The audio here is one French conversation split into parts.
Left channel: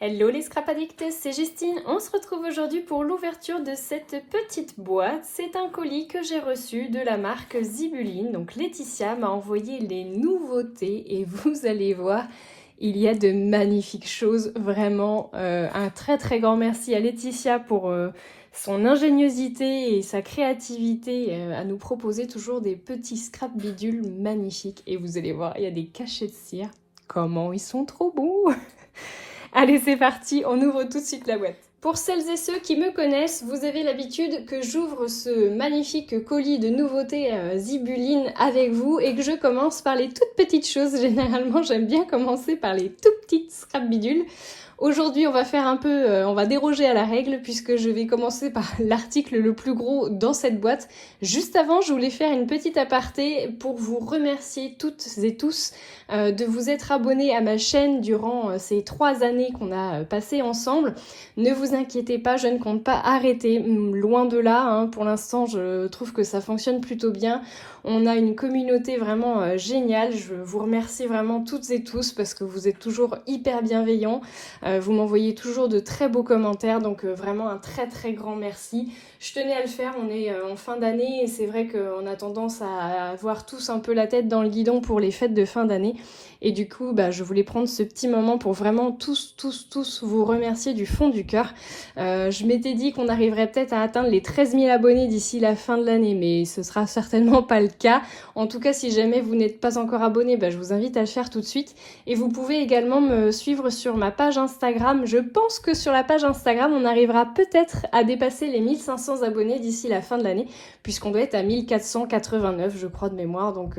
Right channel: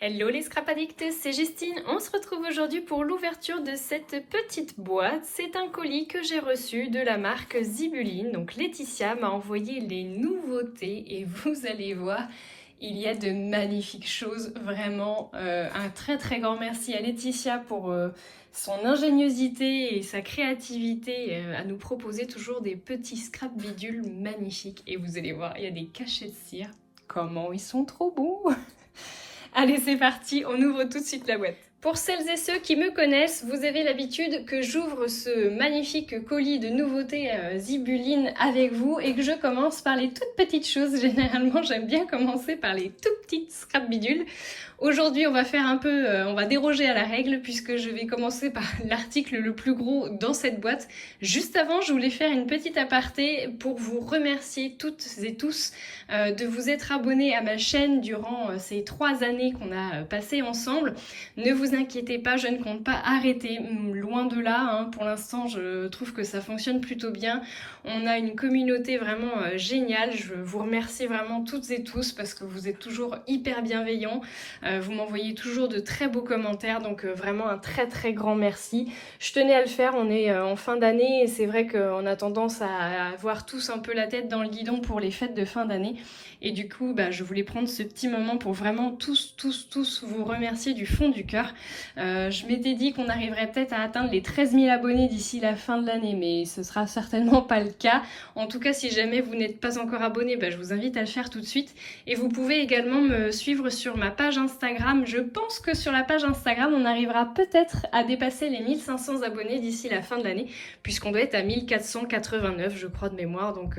Hello les scrap addicts, c'est Justine. On se retrouve aujourd'hui pour l'ouverture de cette petite boîte. C'est un colis que j'ai reçu de la marque Zibuline. Donc Laetitia m'a envoyé les nouveautés et vous allez voir, il y a de magnifiques choses. Vraiment, un très très grand merci à Laetitia pour son ingéniosité et sa créativité à nous proposer toujours des petits scrap bidules magnifiques. Et vous allez voir, il y a des cachets de cire. Comment ils sont trop beaux! Allez, c'est parti, on ouvre tout de suite la boîte. Pour celles et ceux qui me connaissent, vous avez l'habitude que j'ouvre ce magnifique colis de nouveautés Zibuline avec vous et que je commence par les toutes petites choses. Généralement, j'aime bien commencer par les tout petites scrap bidules. Aujourd'hui, on va faire un peu, on va déroger à la règle puisque je vais commencer par l'article le plus gros dans cette boîte. Juste avant, je voulais faire une petite aparté pour vous remercier toutes et tous de vous être abonnés à ma chaîne durant ces 3 années qu'on a passées ensemble. Ne vous inquiétez pas, je ne compte pas arrêter, loin de là, hein. Pour l'instant je trouve que ça fonctionne plutôt bien. On a une communauté vraiment géniale, je vous remercie vraiment toutes et tous parce que vous êtes toujours hyper bienveillants, vous m'envoyez toujours de très beaux commentaires, donc vraiment un très très grand merci. Je tenais à le faire, on est en fin d'année et c'est vrai qu'on a tendance à avoir tous un peu la tête dans le guidon pour les fêtes de fin d'année. Et du coup, je voulais prendre ce petit moment pour vraiment tous vous remercier du fond du cœur. Je m'étais dit qu'on arriverait peut-être à atteindre les 13 000 abonnés d'ici la fin de l'année, mais ce sera certainement pas le cas. En tout cas, si jamais vous n'êtes pas encore abonné, je vous invite à le faire tout de suite. Et vous pouvez également me suivre sur ma page Instagram. Je pense que sur la page Instagram, on arrivera peut-être à dépasser les 1500 abonnés d'ici la fin de l'année, puisqu'on doit être à 1489, je crois, de mémoire. Donc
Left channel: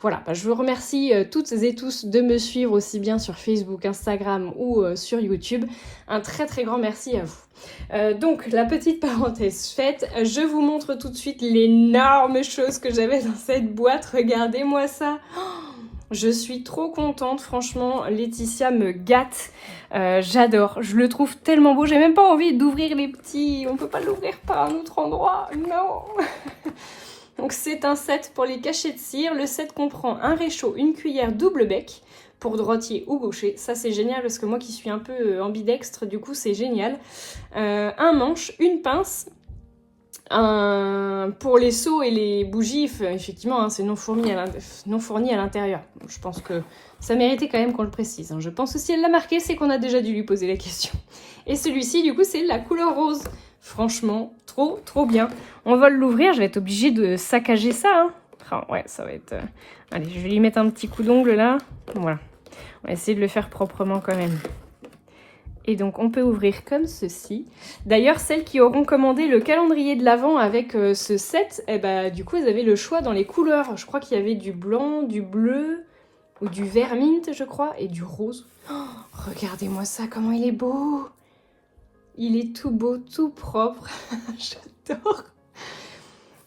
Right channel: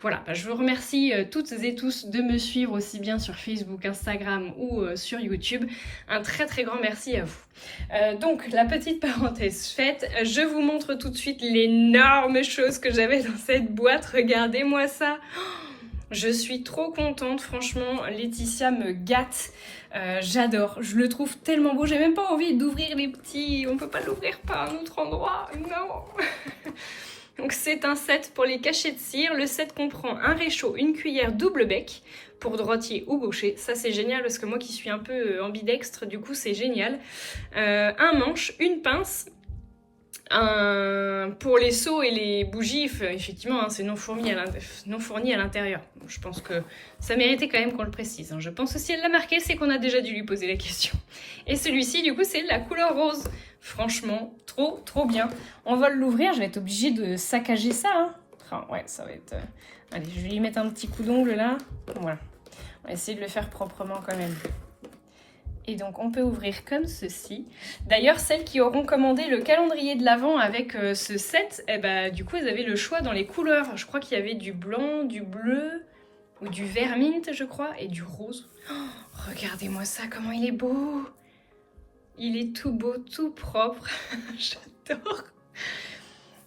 voilà, je vous remercie toutes et tous de me suivre aussi bien sur Facebook, Instagram ou sur YouTube. Un très très grand merci à vous. Donc la petite parenthèse faite, je vous montre tout de suite l'énorme chose que j'avais dans cette boîte. Regardez-moi ça. Je suis trop contente, franchement, Laetitia me gâte. J'adore, je le trouve tellement beau. J'ai même pas envie d'ouvrir les petits. On peut pas l'ouvrir par un autre endroit, non. Donc c'est un set pour les cachets de cire. Le set comprend un réchaud, une cuillère double bec pour droitier ou gaucher. Ça c'est génial parce que moi qui suis un peu ambidextre, du coup c'est génial. Un manche, une pince. Pour les seaux et les bougies, effectivement, hein, c'est non fourni à l'intérieur. Je pense que ça méritait quand même qu'on le précise. Hein. Je pense que si elle l'a marqué, c'est qu'on a déjà dû lui poser la question. Et celui-ci, du coup, c'est la couleur rose. Franchement, trop bien. On va l'ouvrir, je vais être obligée de saccager ça. Hein. Enfin, ouais, ça va être... Allez, je vais lui mettre un petit coup d'ongle là. Voilà. On va essayer de le faire proprement quand même. Et donc on peut ouvrir comme ceci. D'ailleurs, celles qui auront commandé le calendrier de l'Avent avec ce set, du coup, vous avez le choix dans les couleurs. Je crois qu'il y avait du blanc, du bleu, ou du vert mint, je crois, et du rose. Oh, regardez-moi ça, comment il est beau! Il est tout beau, tout propre. J'adore!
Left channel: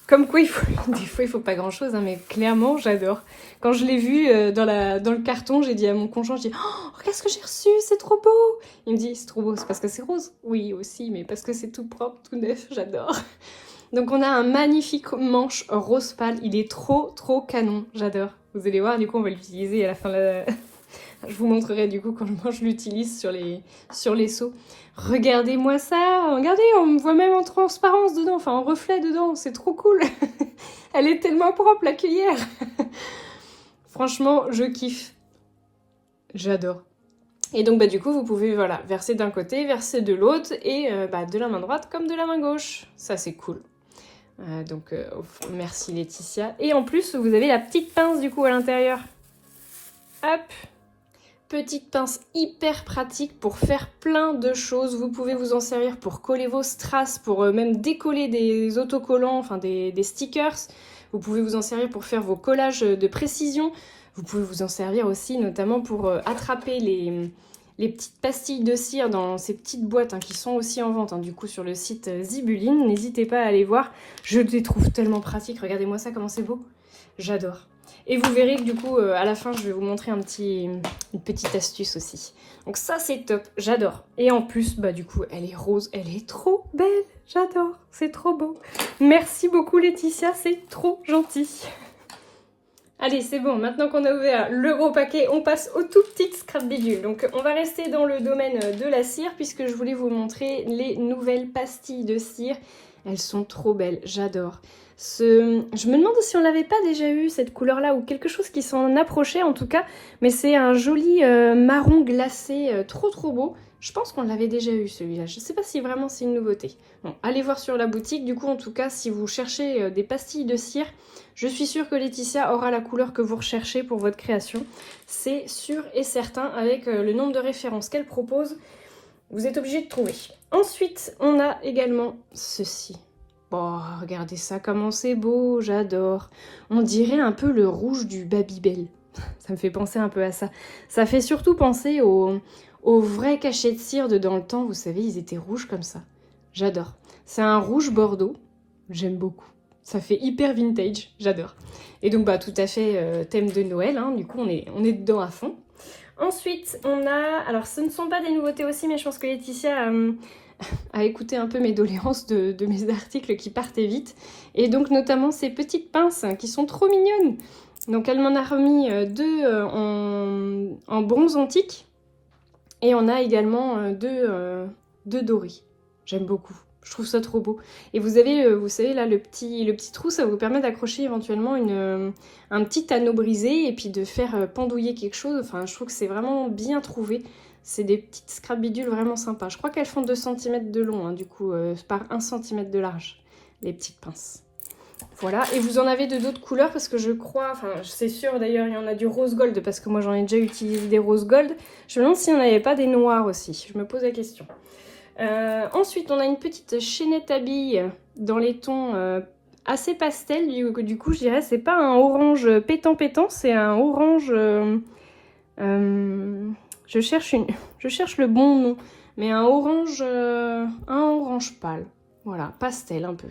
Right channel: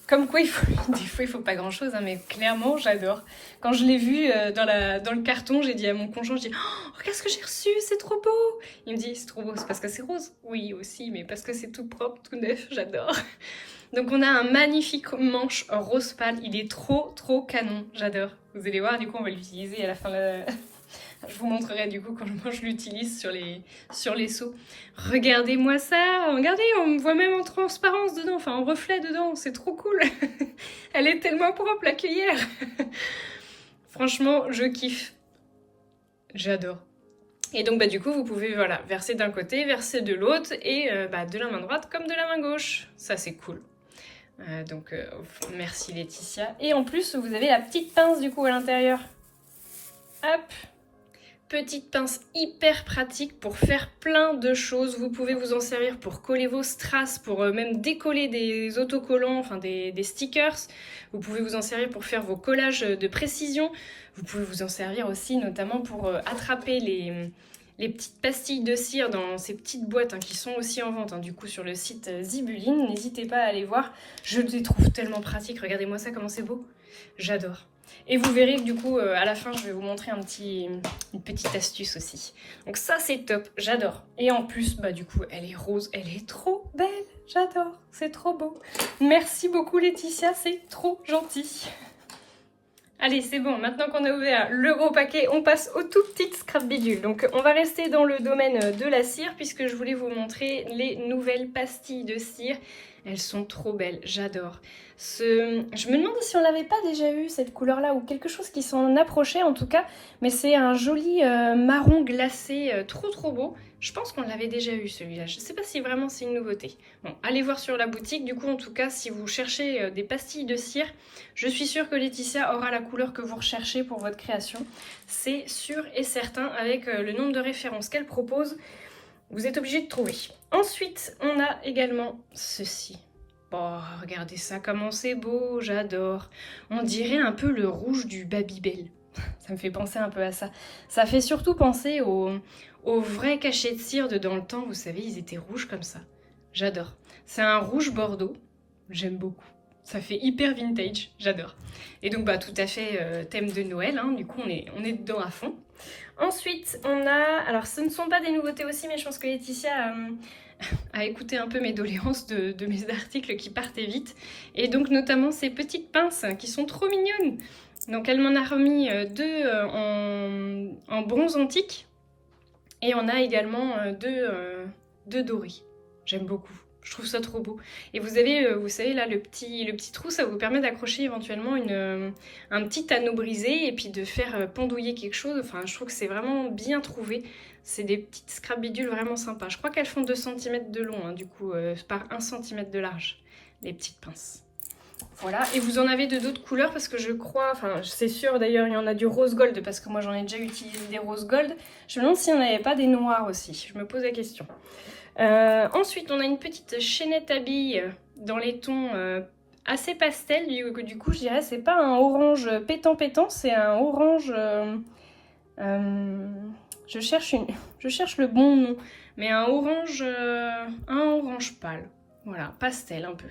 Comme quoi, des fois, il faut pas grand-chose, hein, mais clairement, j'adore. Quand je l'ai vu dans le carton, j'ai dit à mon conjoint, je dis « Oh, regarde ce que j'ai reçu, c'est trop beau !» Il me dit « C'est trop beau, c'est parce que c'est rose ?» Oui, aussi, mais parce que c'est tout propre, tout neuf, j'adore. Donc on a un magnifique manche rose pâle, il est trop canon, j'adore. Vous allez voir, du coup, on va l'utiliser à la fin de Je vous montrerai du coup comment je l'utilise sur les seaux. Regardez-moi ça, regardez, on me voit même en transparence dedans, enfin en reflet dedans, c'est trop cool. Elle est tellement propre la cuillère. Franchement, je kiffe. J'adore. Et donc du coup, vous pouvez verser d'un côté, verser de l'autre, et de la main droite comme de la main gauche. Ça, c'est cool. Merci Laetitia. Et en plus, vous avez la petite pince du coup à l'intérieur. Hop. Petite pince hyper pratique pour faire plein de choses. Vous pouvez vous en servir pour coller vos strass, pour même décoller des autocollants, enfin des stickers. Vous pouvez vous en servir pour faire vos collages de précision. Vous pouvez vous en servir aussi notamment pour attraper les petites pastilles de cire dans ces petites boîtes qui sont aussi en vente du coup sur le site Zibuline. N'hésitez pas à aller voir. Je les trouve tellement pratiques. Regardez-moi ça, comment c'est beau. J'adore. Et vous verrez que du coup, à la fin, je vais vous montrer une petite astuce aussi. Donc ça, c'est top, j'adore. Et en plus, du coup, elle est rose, elle est trop belle, j'adore, c'est trop beau. Merci beaucoup Laetitia, c'est trop gentil. Allez, c'est bon, maintenant qu'on a ouvert le gros paquet, on passe aux tout petites scrap bidules. Donc on va rester dans le domaine de la cire puisque je voulais vous montrer les nouvelles pastilles de cire. Elles sont trop belles, j'adore. Je me demande si on l'avait pas déjà eu cette couleur-là ou quelque chose qui s'en approchait en tout cas. Mais c'est un joli marron glacé, trop beau. Je pense qu'on l'avait déjà eu celui-là. Je ne sais pas si vraiment c'est une nouveauté. Bon, allez voir sur la boutique. Du coup, en tout cas, si vous cherchez des pastilles de cire, je suis sûre que Laetitia aura la couleur que vous recherchez pour votre création. C'est sûr et certain avec le nombre de références qu'elle propose. Vous êtes obligé de trouver. Ensuite, on a également ceci. Oh, regardez ça, comment c'est beau, j'adore. On dirait un peu le rouge du Babybel. Ça me fait penser un peu à ça. Ça fait surtout penser aux vrais cachets de cire de dans le temps. Vous savez, ils étaient rouges comme ça. J'adore. C'est un rouge bordeaux. J'aime beaucoup. Ça fait hyper vintage. J'adore. Et donc, bah, tout à fait thème de Noël. Hein. Du coup, on est dedans à fond. Ensuite, on a... Alors, ce ne sont pas des nouveautés aussi, mais je pense que Laetitia a écouté un peu mes doléances de mes articles qui partaient vite. Et donc, notamment ces petites pinces qui sont trop mignonnes. Donc, elle m'en a remis deux en bronze antique. Et on a également deux dorés. J'aime beaucoup. Je trouve ça trop beau. Et vous avez, vous savez, là, le petit trou, ça vous permet d'accrocher éventuellement un petit anneau brisé et puis de faire pendouiller quelque chose. Enfin, je trouve que c'est vraiment bien trouvé. C'est des petites scrap bidules vraiment sympas. Je crois qu'elles font 2 cm de long, hein, du coup, par 1 cm de large, les petites pinces. Voilà, et vous en avez de d'autres couleurs parce que je crois, enfin c'est sûr d'ailleurs il y en a du rose gold parce que moi j'en ai déjà utilisé des rose gold. Je me demande s'il n'y en avait pas des noirs aussi, je me pose la question. Ensuite on a une petite chaînette à billes dans les tons assez pastel, du coup je dirais c'est pas un orange pétant, c'est un orange... je cherche le bon nom, mais un orange pâle, voilà, pastel un peu.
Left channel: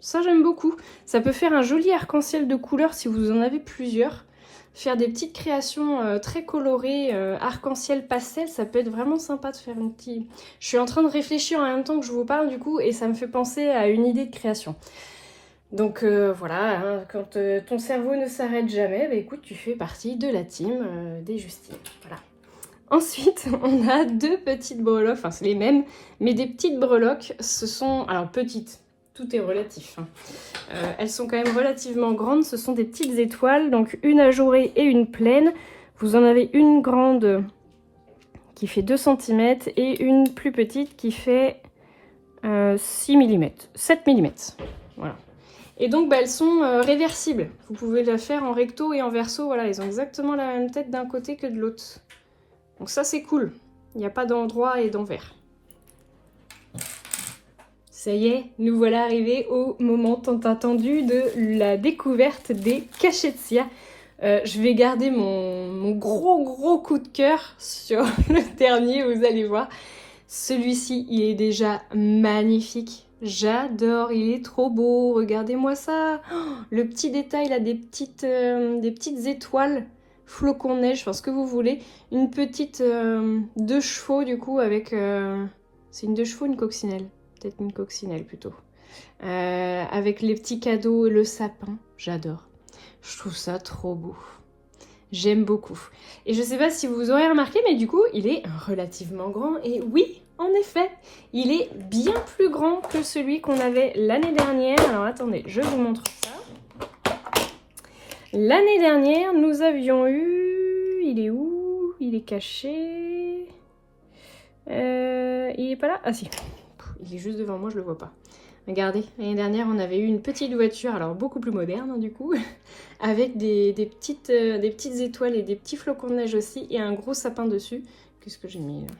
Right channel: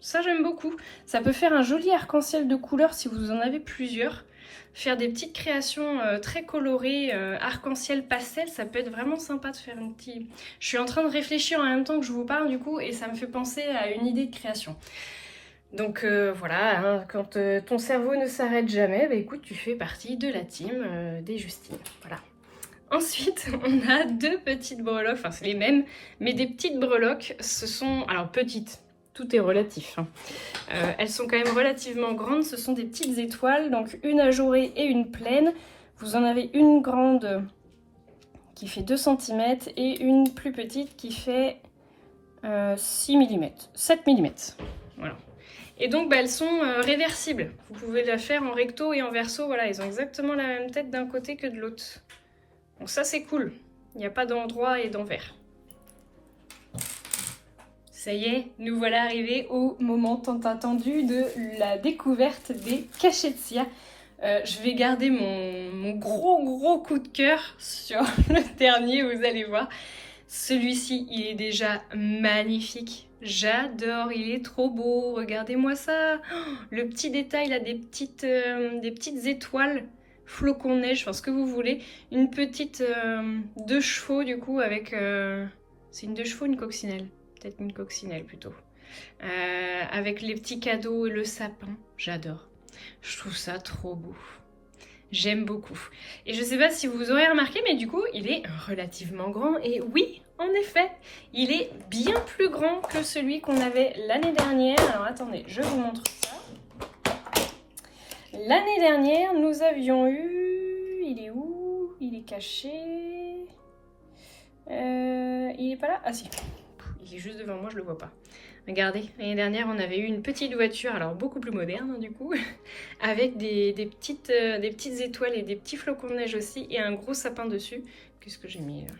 Ça, j'aime beaucoup. Ça peut faire un joli arc-en-ciel de couleurs si vous en avez plusieurs. Faire des petites créations très colorées, arc-en-ciel pastel, ça peut être vraiment sympa de faire une petite... Je suis en train de réfléchir en même temps que je vous parle du coup et ça me fait penser à une idée de création. Donc voilà, hein, quand ton cerveau ne s'arrête jamais, bah, écoute, tu fais partie de la team des Justines. Voilà. Ensuite, on a 2 petites breloques, enfin c'est les mêmes, mais des petites breloques, ce sont... Alors petites, tout est relatif. Hein. Elles sont quand même relativement grandes, ce sont des petites étoiles, donc une ajourée et une pleine. Vous en avez une grande qui fait 2 cm et une plus petite qui fait 6 mm, 7 mm. Voilà. Et donc bah, elles sont réversibles. Vous pouvez la faire en recto et en verso, voilà, elles ont exactement la même tête d'un côté que de l'autre. Donc ça c'est cool, il n'y a pas d'endroit et d'envers. Ça y est, nous voilà arrivés au moment tant attendu de la découverte des cachets de cire. Je vais garder mon gros coup de cœur sur le dernier, vous allez voir. Celui-ci, il est déjà magnifique. J'adore, il est trop beau. Regardez-moi ça. Oh, le petit détail là, des petites étoiles, flocons de neige, enfin ce que vous voulez. Une petite 2 chevaux du coup avec... c'est une 2 chevaux, une coccinelle. Peut-être une coccinelle plutôt. Avec les petits cadeaux et le sapin. J'adore. Je trouve ça trop beau. J'aime beaucoup. Et je sais pas si vous aurez remarqué, mais du coup, il est relativement grand. Et oui, en effet, il est bien plus grand que celui qu'on avait l'année dernière. Alors attendez, je vous montre ça. L'année dernière, nous avions eu... Il est où? Il est caché. Il est pas là? Ah si. Il est juste devant moi, je le vois pas. Regardez, l'année dernière, on avait eu une petite voiture, alors beaucoup plus moderne hein, du coup, avec des petites étoiles et des petits flocons de neige aussi, et un gros sapin dessus. Qu'est-ce que j'ai mis là?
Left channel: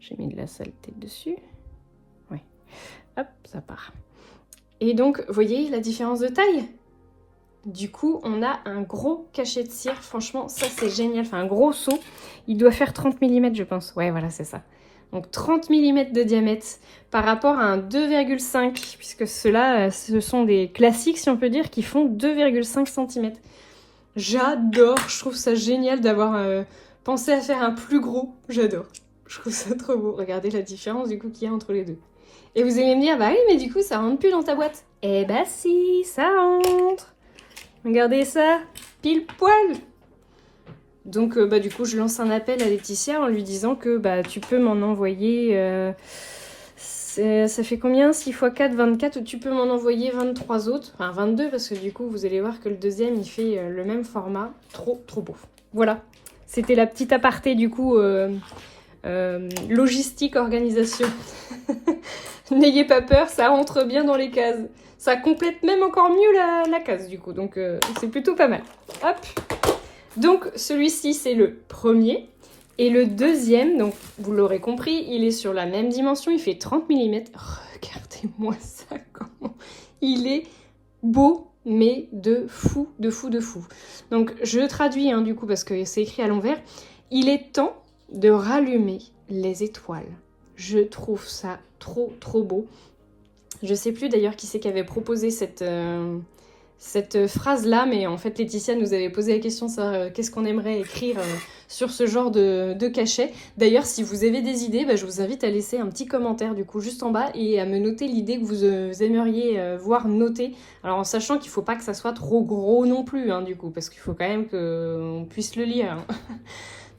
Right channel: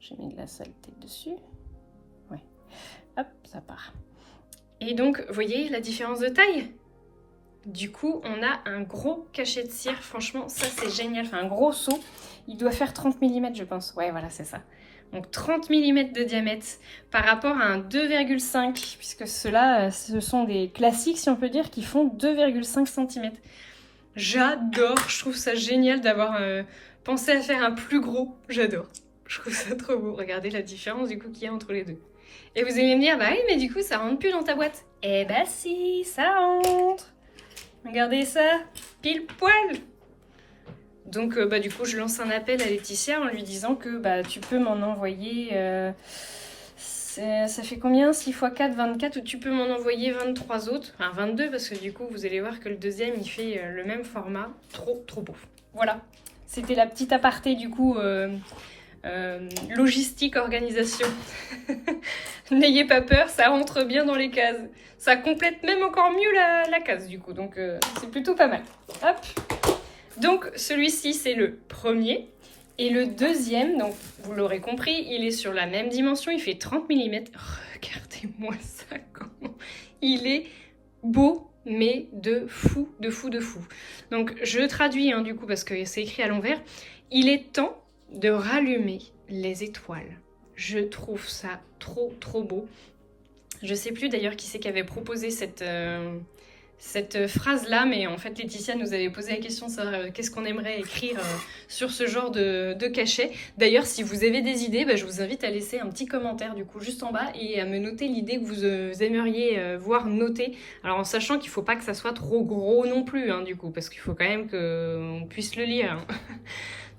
J'ai mis de la saleté dessus. Oui. Hop, ça part. Et donc, vous voyez la différence de taille? Du coup, on a un gros cachet de cire. Franchement, ça c'est génial. Enfin, un gros seau. Il doit faire 30 mm, je pense. Ouais, voilà, c'est ça. Donc 30 mm de diamètre par rapport à un 2,5 puisque ceux-là, ce sont des classiques, si on peut dire, qui font 2,5 cm. J'adore, je trouve ça génial d'avoir pensé à faire un plus gros. J'adore, je trouve ça trop beau. Regardez la différence du coup qu'il y a entre les deux. Et vous allez me dire, bah oui, mais du coup, ça rentre plus dans ta boîte. Eh bah si, ça rentre. Regardez ça, pile poil. Donc du coup je lance un appel à Laetitia en lui disant que tu peux m'en envoyer, ça fait combien 6 x 4, 24, ou tu peux m'en envoyer 23 autres, enfin 22 parce que du coup vous allez voir que le deuxième il fait le même format, trop beau. Voilà, c'était la petite aparté du coup, logistique, organisation. N'ayez pas peur, ça rentre bien dans les cases. Ça complète même encore mieux la case du coup, donc c'est plutôt pas mal. Hop. Donc celui-ci c'est le premier. Et le deuxième, donc vous l'aurez compris, il est sur la même dimension, il fait 30 mm. Regardez-moi ça, comment il est beau, mais de fou. Donc je traduis du coup parce que c'est écrit à l'envers. Il est temps de rallumer les étoiles. Je trouve ça trop beau. Je sais plus d'ailleurs qui c'est qui avait proposé cette phrase-là, mais en fait Laetitia nous avait posé la question de qu'est-ce qu'on aimerait écrire sur ce genre de cachet. D'ailleurs, si vous avez des idées, je vous invite à laisser un petit commentaire du coup juste en bas et à me noter l'idée que vous aimeriez voir notée. Alors en sachant qu'il ne faut pas que ça soit trop gros non plus, du coup, parce qu'il faut quand même qu'on puisse le lire.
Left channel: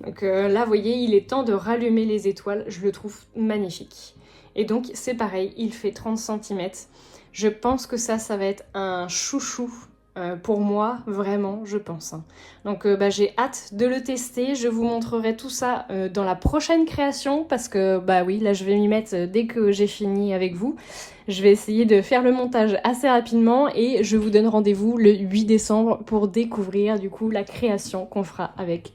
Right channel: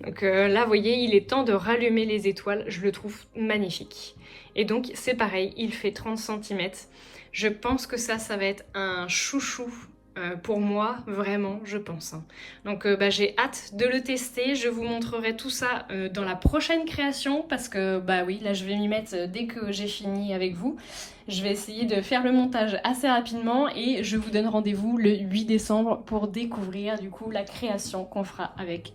Donc là, vous voyez, il est temps de rallumer les étoiles. Je le trouve magnifique. Et donc, c'est pareil, il fait 30 cm. Je pense que ça va être un chouchou pour moi, vraiment, je pense. Donc, j'ai hâte de le tester. Je vous montrerai tout ça dans la prochaine création parce que, oui, là, je vais m'y mettre dès que j'ai fini avec vous. Je vais essayer de faire le montage assez rapidement et je vous donne rendez-vous le 8 décembre pour découvrir, du coup, la création qu'on fera avec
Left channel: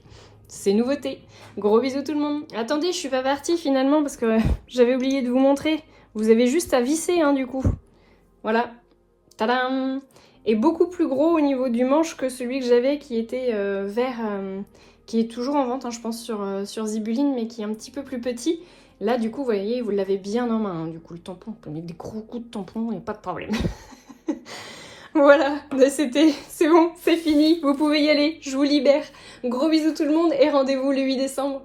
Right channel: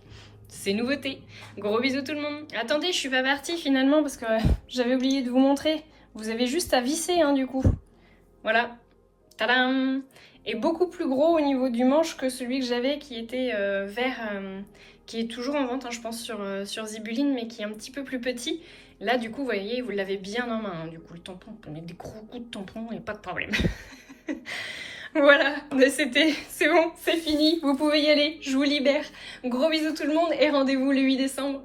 ces nouveautés. Gros bisous tout le monde. Attendez, je suis pas partie finalement parce que j'avais oublié de vous montrer. Vous avez juste à visser, du coup. Voilà. Tadam! Et beaucoup plus gros au niveau du manche que celui que j'avais qui était vert, qui est toujours en vente, je pense, sur Zibuline, mais qui est un petit peu plus petit. Là, du coup, vous voyez, vous l'avez bien en main. Du coup, le tampon, on peut mettre des gros coups de tampon et pas de problème. Voilà, c'est bon, c'est fini, vous pouvez y aller, je vous libère. Gros bisous tout le monde et rendez-vous le 8 décembre.